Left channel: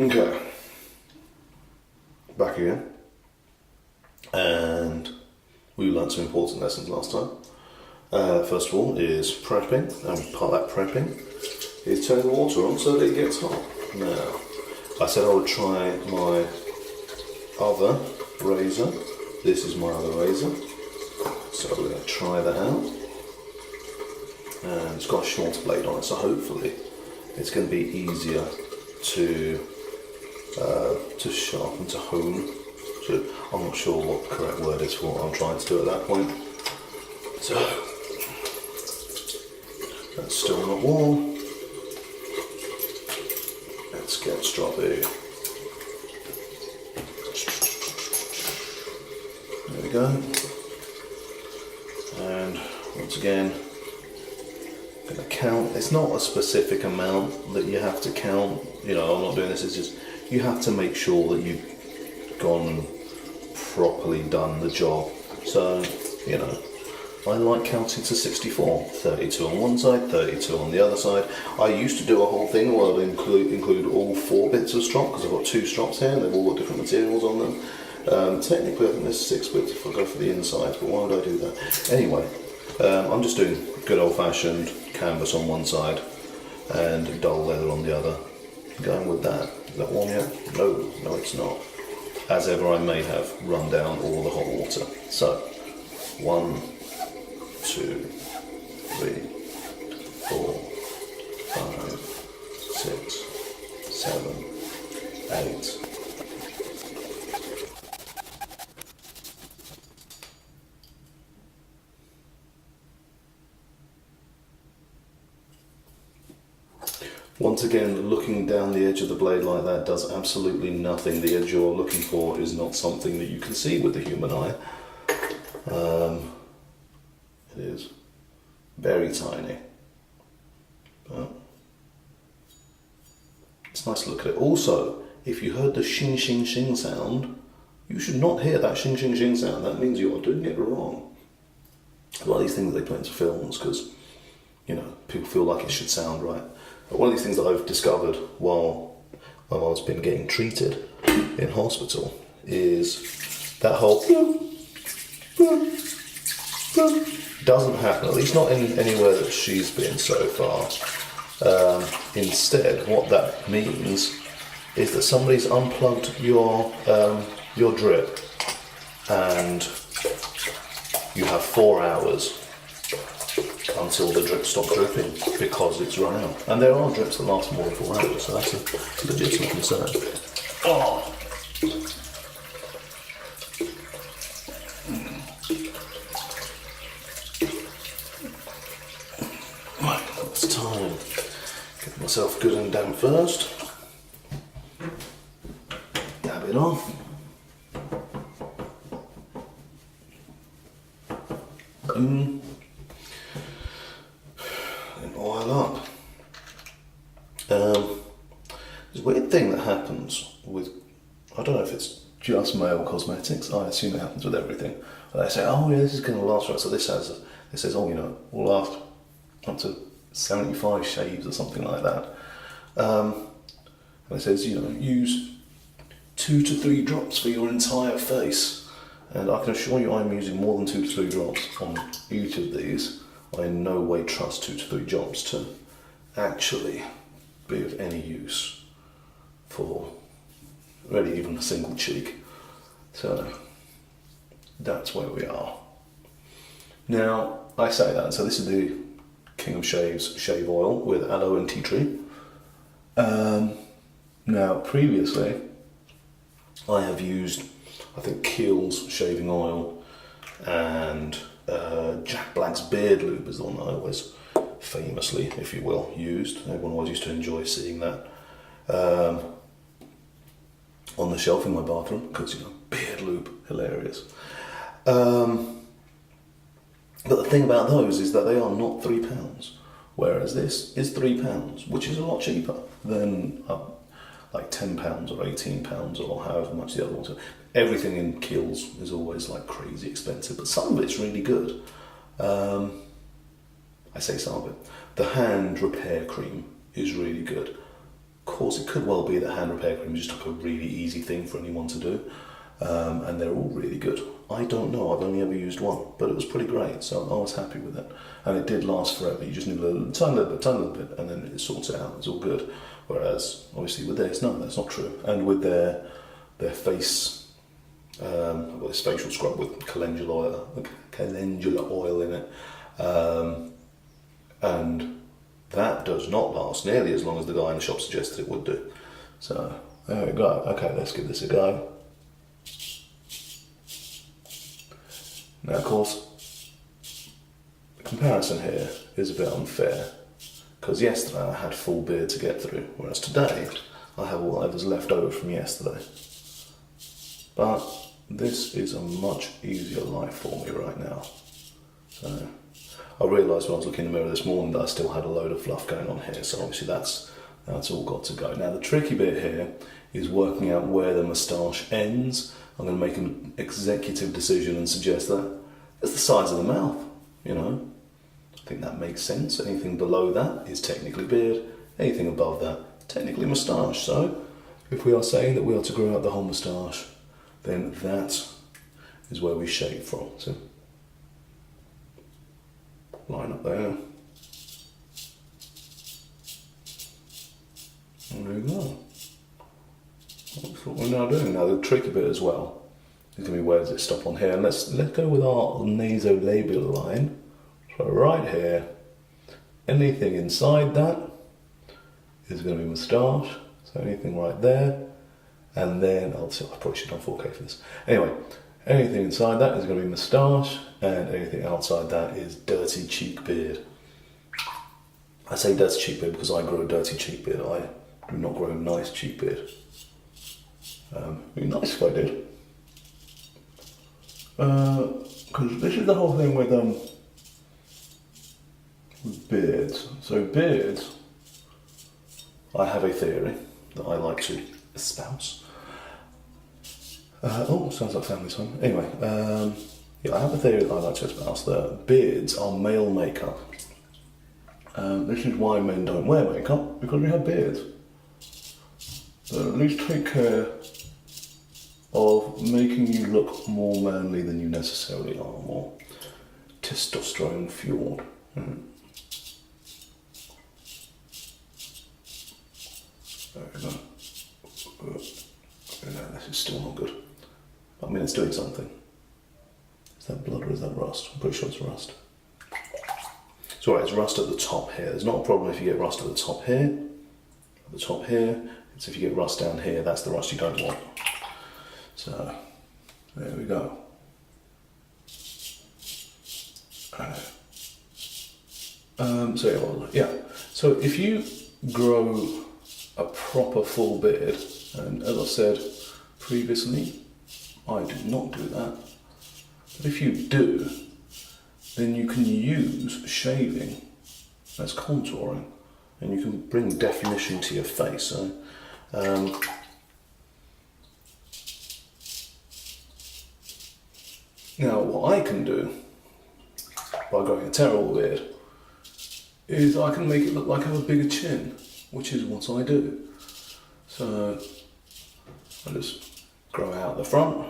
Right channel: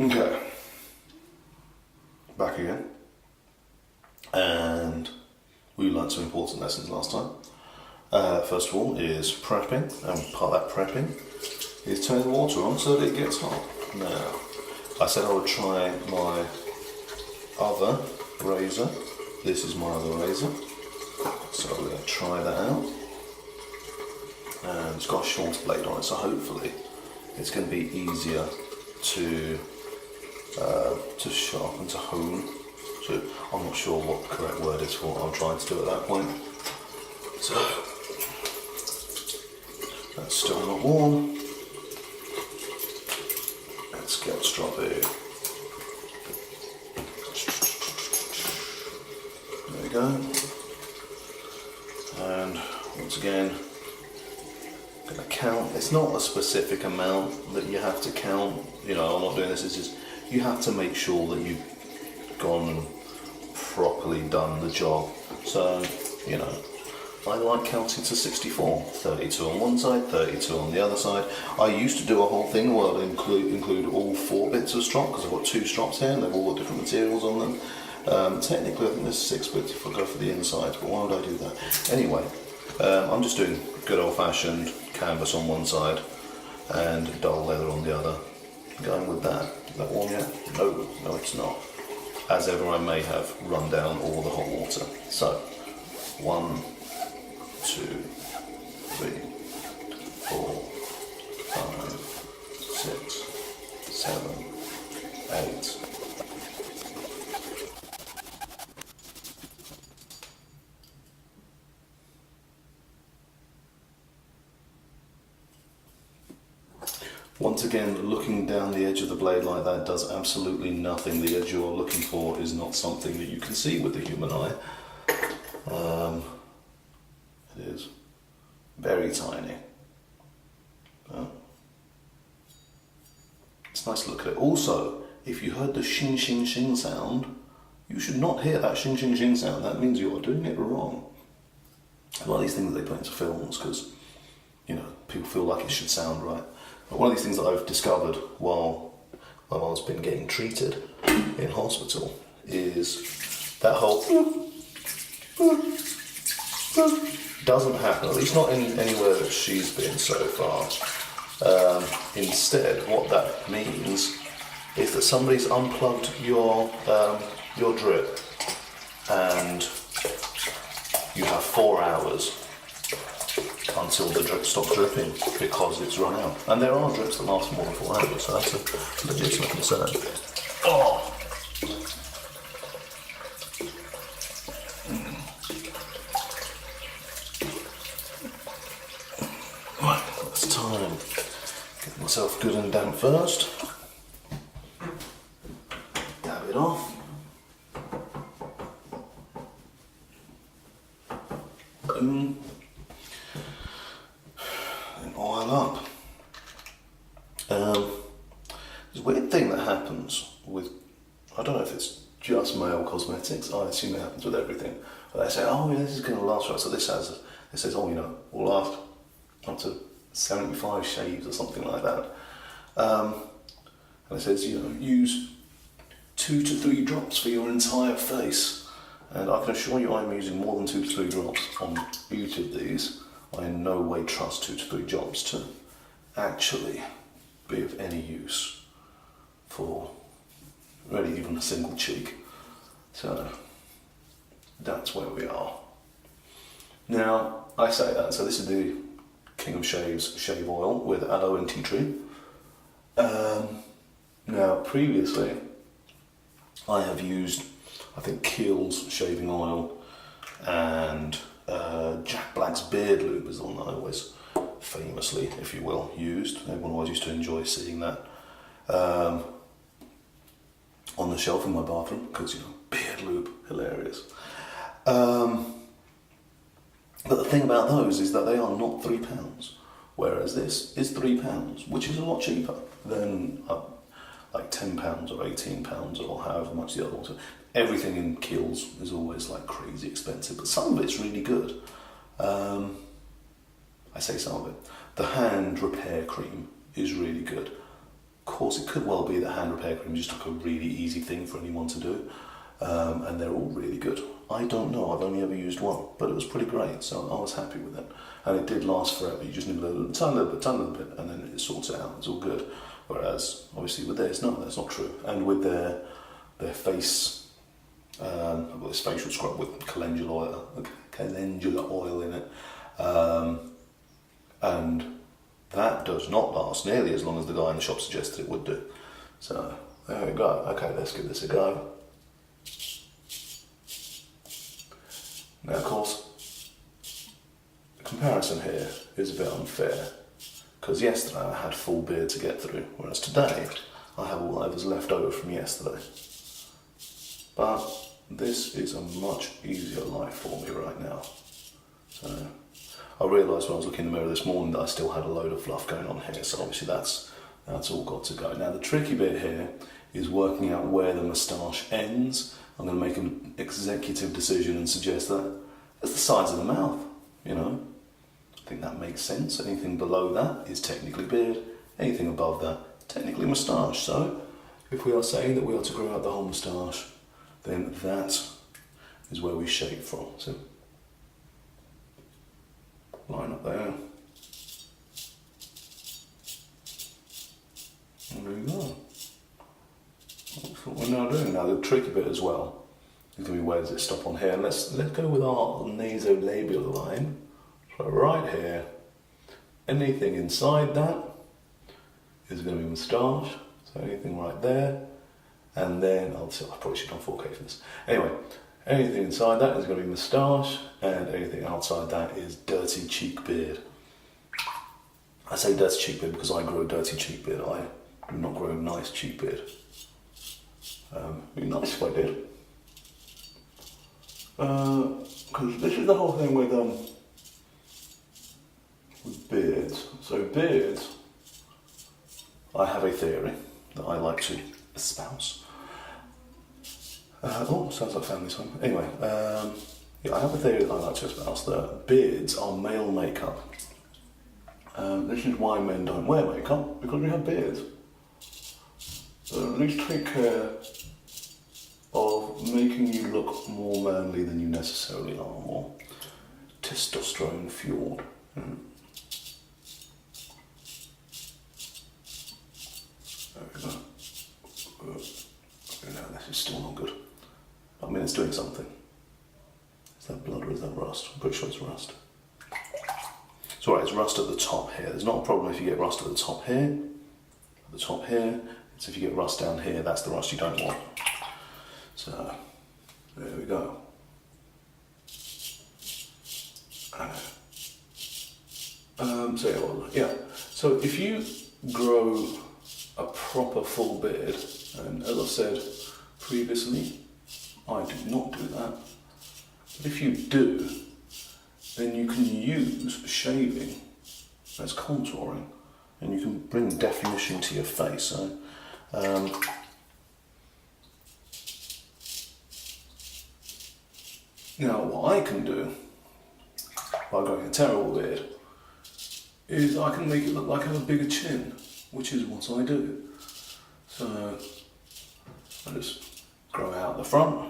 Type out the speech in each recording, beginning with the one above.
Okay, back again, and we learned some important lessons last time. First of all is prepping, and part of that prepping is turning the water on so that it gets hot. Now, I said I would try my other razor. This is my other razor, so we're going to try that out. And it's got a shorter blade on it, so hopefully it's going to be easier to sharpen, to hone. So I'm not sure what the correct word is for what I'm trying to do at that point. So that's still not warm. Let's get stroppy. There we go. And once again, I'm going to count. It's not a specific amount that you have to count. You know, I'm not doing this. It's just you have to make sure that you've gone and properly done the job. So, you know, I like counting to 64, 32 on one side, 32 on the other side. I used to do a whole thing where I'd include all 4 bits of strop, because I've got 2 strops here and they've all got different materials on them. Technically I think there's 6 bits if I go for the inside, but why would I do that? Anyway, I'm just doing good old-fashioned canvas on one side and dull leather on the other. Going with that. Is that warm yet? No it's not. As ever, I may have run down all the hot water. So, 1, 2, 3, 4, 5, 6, 7, 8. Once again, looking down the edge of the blade like that does absolutely nothing. The edge you're looking for is not something that you can see with the human eye. It is very tiny. But it's nice to look at it. Also, if you heard the shing shing shing sound, you should not hear that shing shing shing sound. That means you are doing it wrong. It's one of these things that they put into films because, you know, people feel like it should sound right. But one of these things that I've discovered while my mum's been getting treated in hospital is that whole doesn't happen, at least not anywhere that she's been so far. Instead, what that means is that somebody's unplugged your drip and you have 4 hours until the drip stops dripping because it's run out. And there are drips that last more than 4 hours, so that's a legitimate concern. Oh! Right, it's time. Get myself good and damp first. Dab it off. Boom. And oil up. There's a weird thing that happens with, I don't know if it's just male cosmetics, I assume it happens with everything. But they say, oh yeah, this is going to last, right? So this says, oh, you know, will last up to 75 shaves or something like that. And it says, you know, use 2 to 3 drops for your entire face. And I can assure you I'm using more than 2 to 3 drops on each of these. I in no way trust 2 to 3 drops to actually be of any use for really even a single cheek. So that's where we are. Now, I say that, so this is the King of Shaves shave oil with aloe and tea tree. Now, previously, I have used, I think, Kiehl's shaving oil and Jack Black's beard lube is the one that I always famously, if you will, used. Everyone always used to enjoy seeing that on the shelf in my bathroom because, you know, beard lube, hilarious. But the thing about those is that they are not £3, whereas this is £3, which is a lot cheaper than like £10 or £18 or however much the other ones are. Everything in Kiehl's is always like crazy expensive, but some of it's really good. I say some of it. The hand repair cream is really good. course, it could well be that hand repair cream is just like a really easy thing for anyone to do, and they're all really good. I don't know, I've only ever used one, but it was pretty great, so I was happy with it. And it did last forever. You just need a tiny little bit, and then it sorts it out, it's all good. Whereas, obviously with theirs, no, that's not true. And with their face, I've got this facial scrub with calendula oil in it, and that does not last nearly as long as the guy in the shop suggested it would do. So, there we go. Okay, let's give this a go. Now, of course, the comparison here is a bit unfair, because yesterday I had full beard to get through, whereas today I have whatever's left over from yesterday. But this is a much easier life for me right now. So I realised when I was looking in the mirror this morning that I still had a load of fluff going on here, so obviously that's all got to go. Now the tricky bit here is working out where the moustache ends. I'm going to make an executive decision and suggest that it's the sides of the mouth, you know. I think that makes sense. Anything below that is technically beard, anything above that, technically moustache. So if we are saying that we are to grow out the whole moustache, then that is where we shave from. So line up there. And there we go. That's what we're now doing. Now the tricky bit as well is going to be where does it stop on here. And let's go with our nasolabial line. So right here, anything inside that is going to be moustache. So anything right there. And then, I probably should have done 4K for this. Anyway, anything inside that is going to be moustache, and anything outside that is dirty cheek beard. I say dirty cheek beard because I grow a dirty cheek beard. I do not grow a nice cheek beard. It'd be nice if I did. Because this is the whole thing with beards. So beards, I have a theory that I like to espouse. Sounds like family song. Anyway, yeah, I have a theory that I like to espouse that beards are male makeup. This is why men don't wear makeup, because we have beards. So at least take care of making you look more manly than you necessarily are, more testosterone fueled. There we go. No, this is still not good. I mean, it's doing something. Is that blood or is that rust? I'm pretty sure it's rust. It's alright, it's rust at the top here. There's not a problem if you get rust at the top here. At the top here. It's if you get rust down here, that's the rust you don't want. So, there we go. So if you grow a proper full beard, and as I said previously, I do not do that. But if you do, then you can use shaving as contouring, and you can bring definition to your face. So, now what I can do by growing a terrible beard is I can make it look like I have a bigger chin, which is what I do. So I just grow out the front,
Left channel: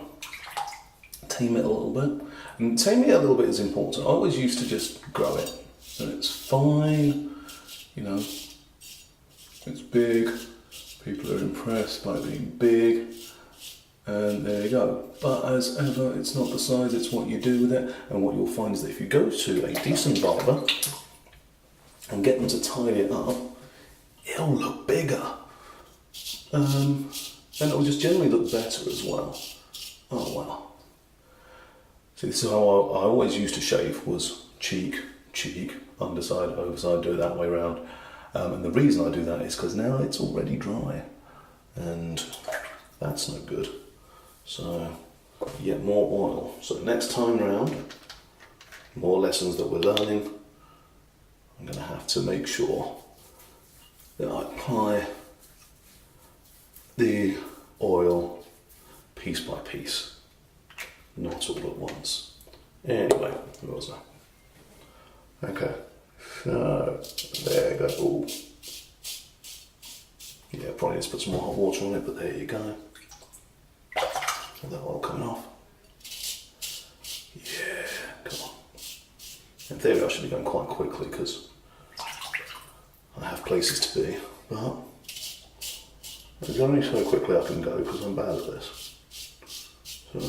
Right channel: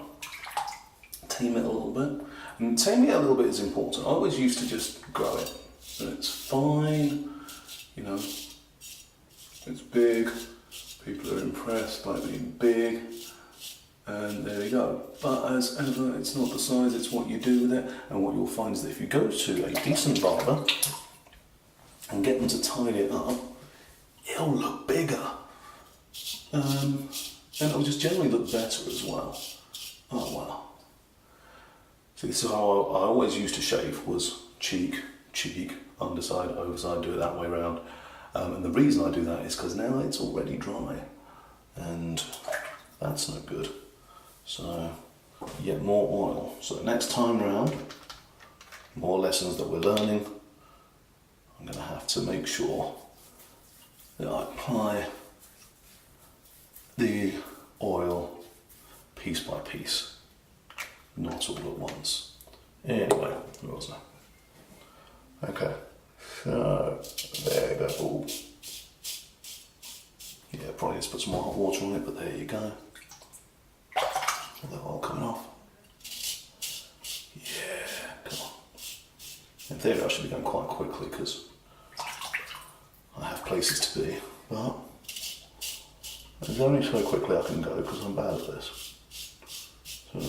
tame it a little bit. And taming it a little bit is important. I always used to just grow it, and it's fine, you know, it's big, people are impressed by being big, and there you go. But as ever, it's not the size, it's what you do with it. And what you'll find is that if you go to a decent barber and get them to tidy it up, it'll look bigger. And it'll just generally look better as well. Oh wow. See, this is how I always used to shave, was cheek, underside, overside, do it that way around. And the reason I do that is because now it's already dry, and that's no good. So, yet more oil. So next time round, more lessons that we're learning, I'm going to have to make sure that I apply the oil piece by piece, not all at once. Anyway, where was I? Okay, so there you go. Ooh. Yeah, probably just put some more hot water on it, but there you go. All that oil coming off. Yeah, come on. In theory I should be going quite quickly because I have places to be, but there's only so quickly I can go because I'm bad at this. So,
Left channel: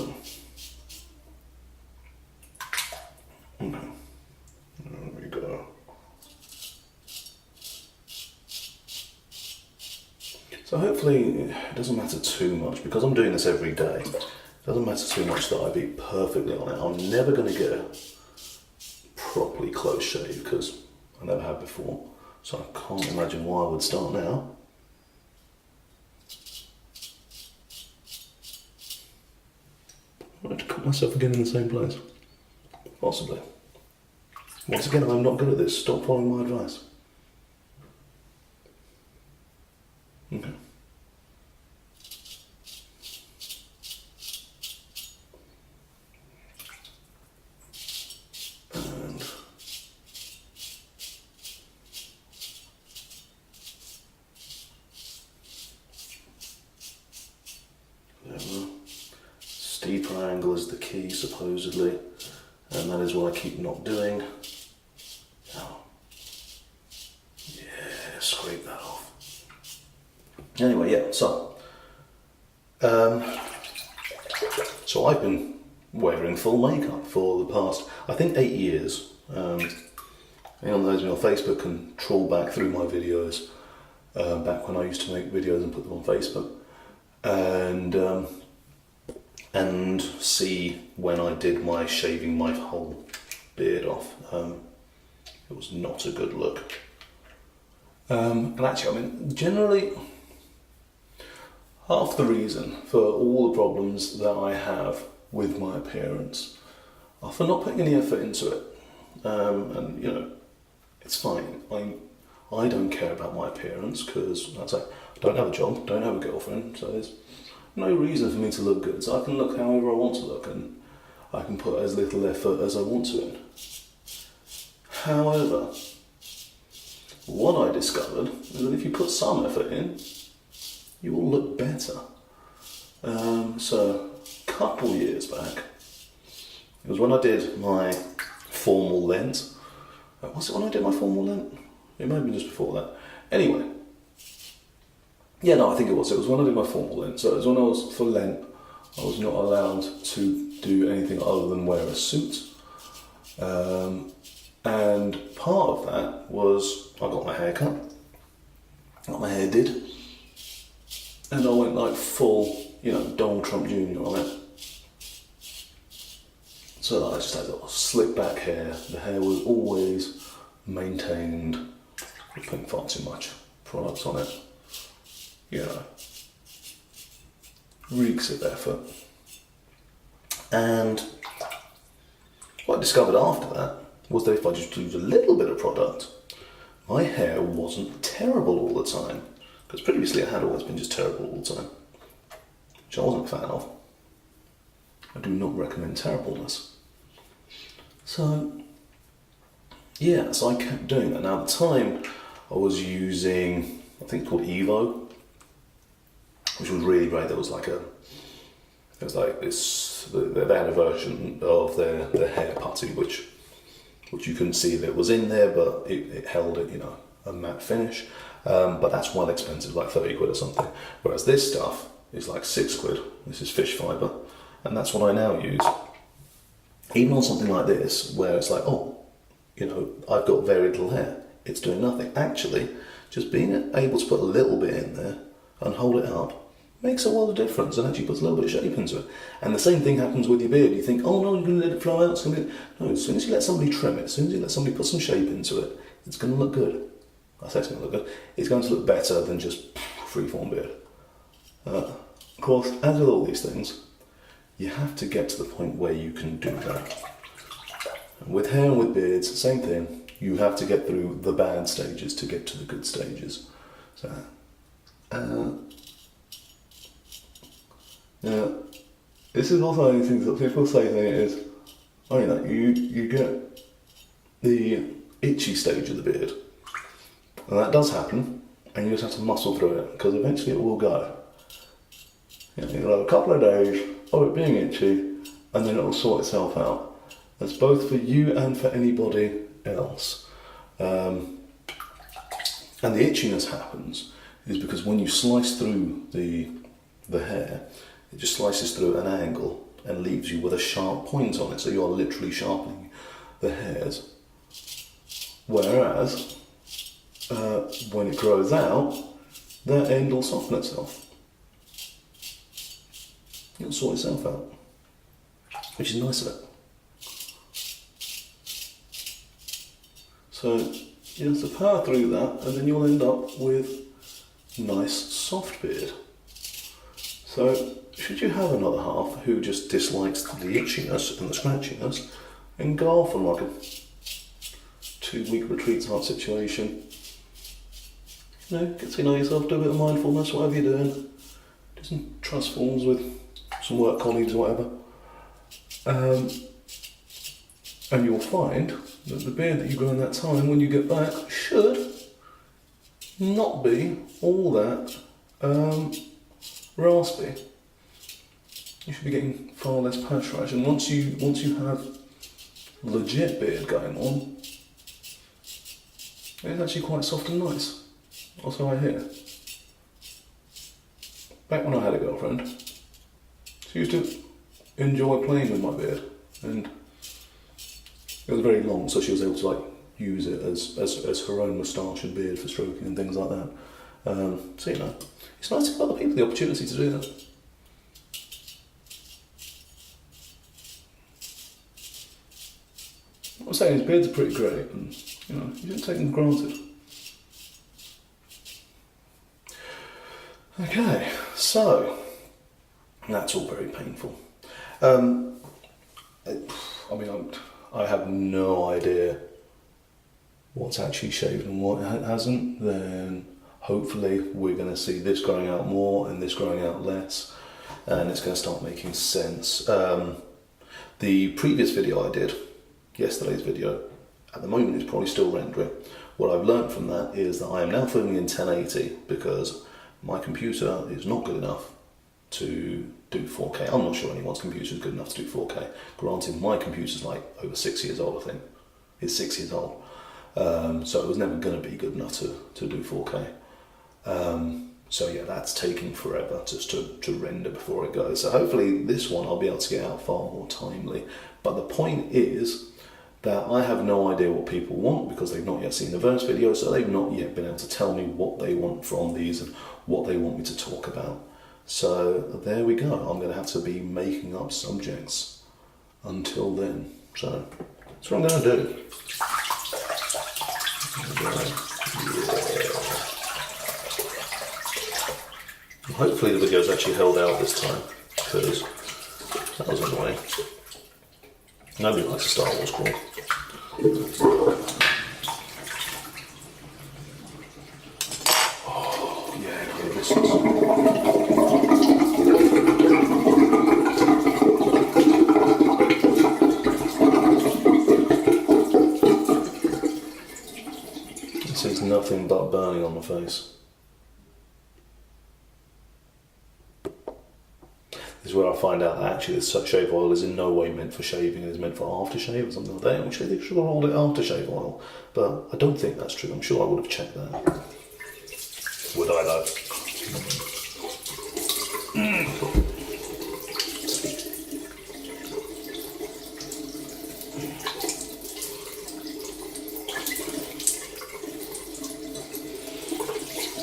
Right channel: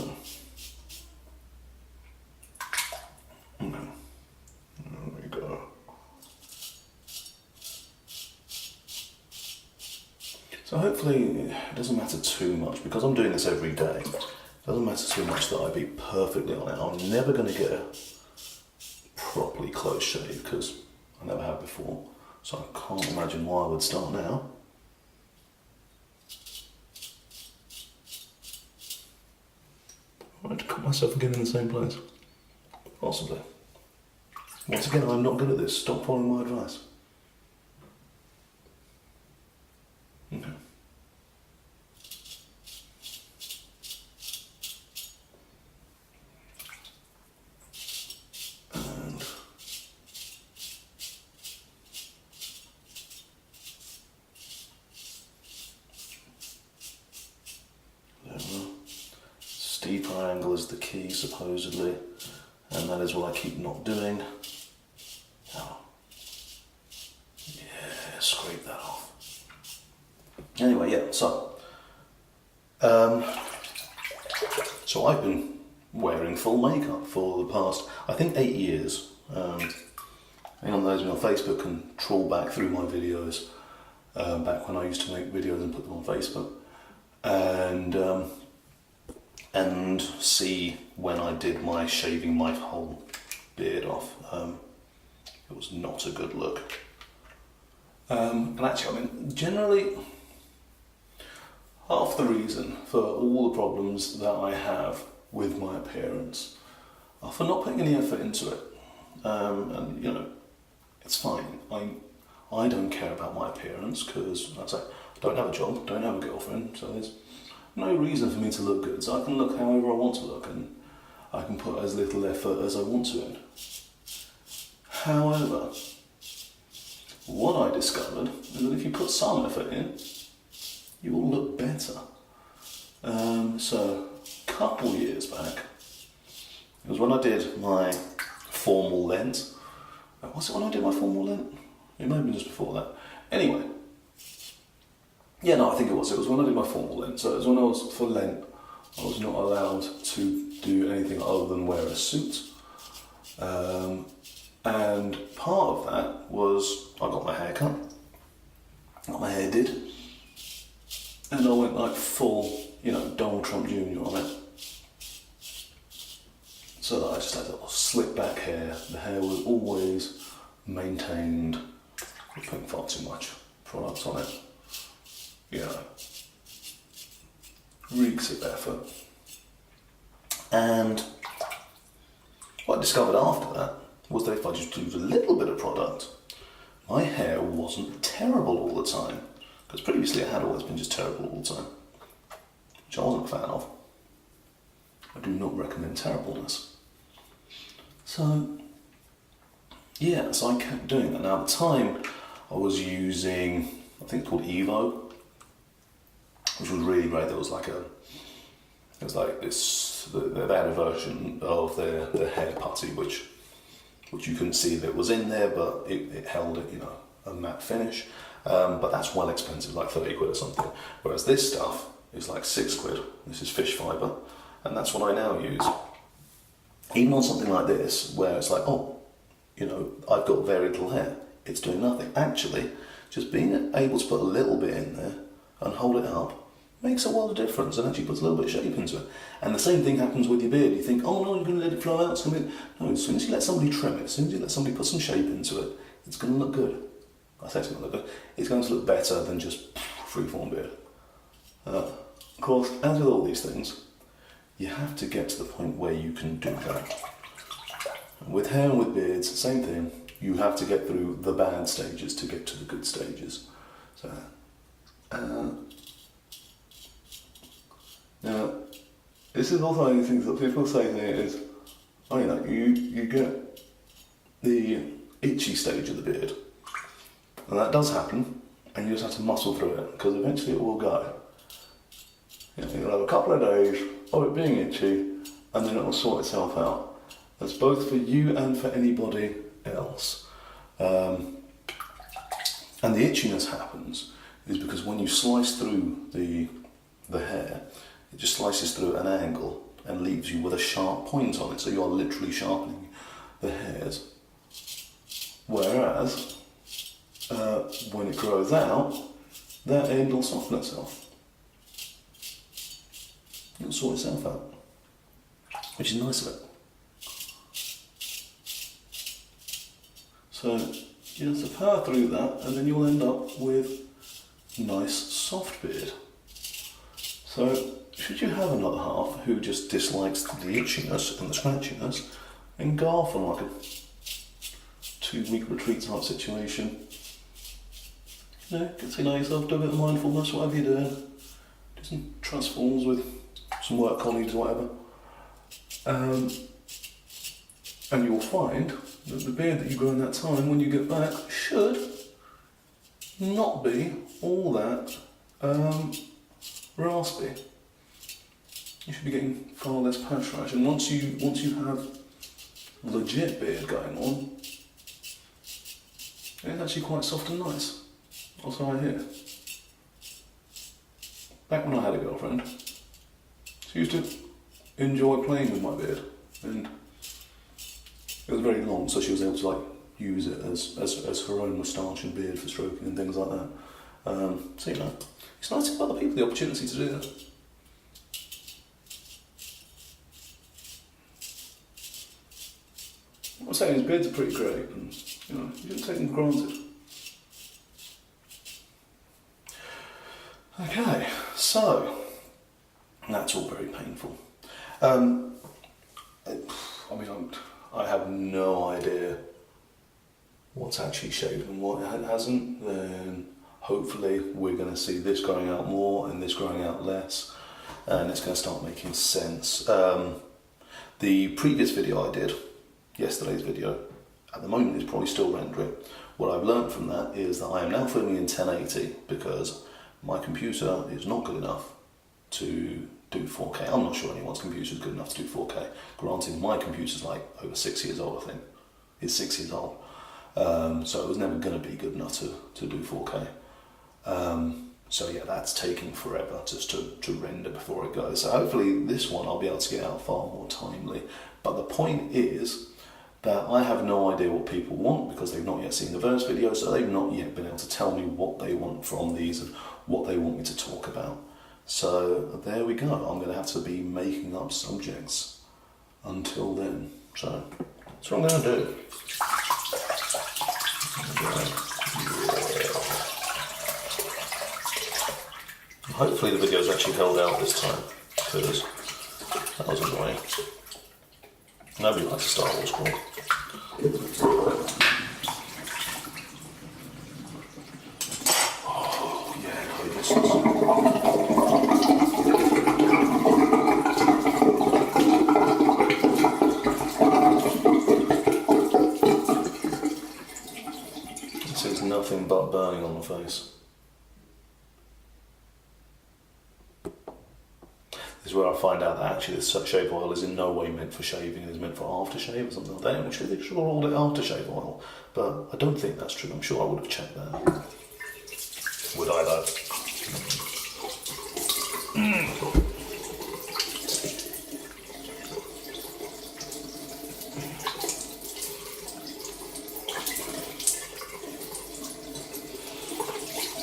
okay, there we go. So hopefully it doesn't matter too much, because I'm doing this every day, it doesn't matter too much that I be perfectly on it. I'm never going to get a properly close shave because I never have before, so I can't imagine why I would start now. I might cut myself again in the same place. Possibly. Once again, I'm not good at this. Stop following my advice. Okay. And there we are. Steeper angle is the key, supposedly, and that is what I keep not doing. Oh. Yeah, scrape that off. Anyway, yeah, so I've been wearing full makeup for the past, I think, 8 years. Anyone knows me on Facebook can trawl back through my videos, back when I used to make videos and put them on Facebook, and see when I did my shaving my whole beard off. It was not a good look. And actually, I mean, generally, half the reason for all the problems that I have with my appearance are for not putting any effort into it. And, you know, it's fine. I don't care about my appearance because, like I say, I don't have a job, don't have a girlfriend, so there's no reason for me to look good. So I can look however I want to look, and I can put as little effort as I want to in. However, what I discovered is that if you put some effort in, you will look better. So a couple years back, it was when I did my formal lent. Was it when I did my formal lent? It may have been just before that. Anyway, yeah, no, I think it was. It was when I did my formal lent. So it was when I was for Lent, I was not allowed to do anything other than wear a suit. And part of that was I got my hair cut, got my hair did, and I went like full, you know, Donald Trump Jr. on it. So that I just had a slick back hair. The hair was always maintained. I'm putting far too much products on it. You know, reeks of effort. And what I discovered after that was that if I just used a little bit of product, my hair wasn't terrible all the time. Because previously it had always been just terrible all the time, which I wasn't a fan of. I do not recommend terribleness. So, yeah, so I kept doing that. Now at the time, I was using, I think it's called Evo, which was really great. There was like this, they had a version of their hair putty, which you couldn't see that was in there, but it held it, you know, a matte finish. But that's well expensive, like 30 quid or something. Whereas this stuff is like 6 quid. This is Fishfibre, and that's what I now use. Even on something like this, where it's like, oh, you know, I've got very little hair, it's doing nothing. Actually, just being able to put a little bit in there and hold it up makes a world of difference, and actually puts a little bit of shape into it. And the same thing happens with your beard. You think, oh no, you're going to let it flow out. It's going to be... No, as soon as you let somebody trim it, as soon as you let somebody put some shape into it, it's going to look good. I say it's going to look good. It's going to look better than just freeform beard. Of course, as with all these things, you have to get to the point where you can do that. And with hair and with beards, same thing. You have to get through the bad stages to get to the good stages. So, now, this is also one of the things that people say to me is, oh, you know, you get the itchy stage of the beard. And that does happen. and you just have to muscle through it, because eventually it will go. You know, you'll have a couple of days of it being itchy, and then it will sort itself out. That's both for you and for anybody else. And the itchiness happens is because when you slice through the hair, it just slices through at an angle and leaves you with a sharp point on it, so you're literally sharpening the hairs. Whereas, when it grows out, that end will soften itself. It'll sort itself out, which is nice of it. So you have to power through that, and then you'll end up with nice soft beard. So should you have another half who just dislikes the itchiness and the scratchiness, then go off on like a 2-week retreat type situation. You know, get to know yourself, do a bit of mindfulness, whatever you're doing. Do some trust forms with some work colleagues or whatever. And you'll find that the beard that you grow in that time, when you get back, should not be all that raspy. You should be getting far less patch rash, and once you have legit beard going on, it's actually quite soft and nice. That's how I hear. Back when I had a girlfriend, she used to enjoy playing with my beard, and it was very long, so she was able to like use it as her own moustache and beard for stroking and things like that. So you know, it's nice to give other people the opportunity to do that. What I'm saying is beards are pretty great, and you know, you shouldn't take them for granted. Okay, so that's all very painful. I mean, I have no idea what's actually shaved and what hasn't. Then hopefully we're going to see this growing out more and this growing out less, and it's going to start making sense. The previous video I did, yesterday's video, at the moment is probably still rendering. What I've learned from that is that I am now filming in 1080 because my computer is not good enough to do 4K. I'm not sure anyone's computer is good enough to do 4K. Granted, my computer's like over 6 years old, I think. It's 6 years old. So it was never going to be good enough to do 4K. So yeah, that's taking forever just to render before it goes. So hopefully this one I'll be able to get out far more timely. But the point is that I have no idea what people want because they've not yet seen the verse video, so they've not yet been able to tell me what they want from these and what they want me to talk about. So there we go. I'm going to have to be making up subjects until then. So that's what I'm going to do. Hopefully the video's actually held out this time, because that was annoying. Nobody likes a Star Wars crawl. Oh, yeah, no, this is... This is nothing but burning on my face. This is where I find out that actually this shave oil is in no way meant for shaving, it's meant for aftershave or something like that, which they should have called it aftershave oil, but I don't think that's true. I'm sure I would have checked that. Would I though?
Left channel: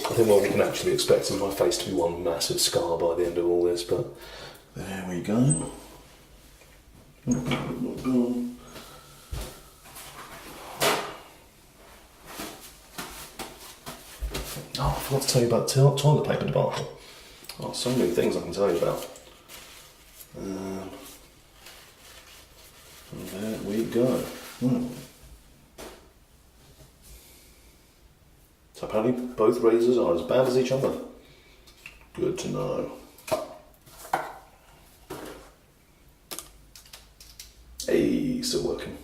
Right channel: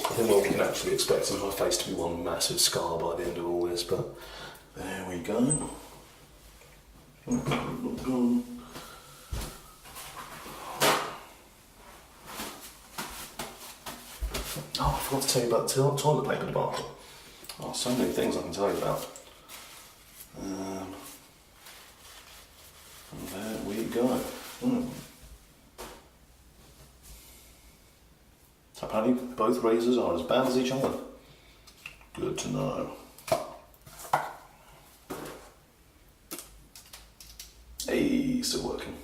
I think what we can actually expect is my face to be one massive scar by the end of all this, but there we go. Not gone. Oh, I forgot to tell you about the toilet paper debacle. Oh, so many things I can tell you about. And there we go. So apparently both razors are as bad as each other. Good to know. Hey, still working.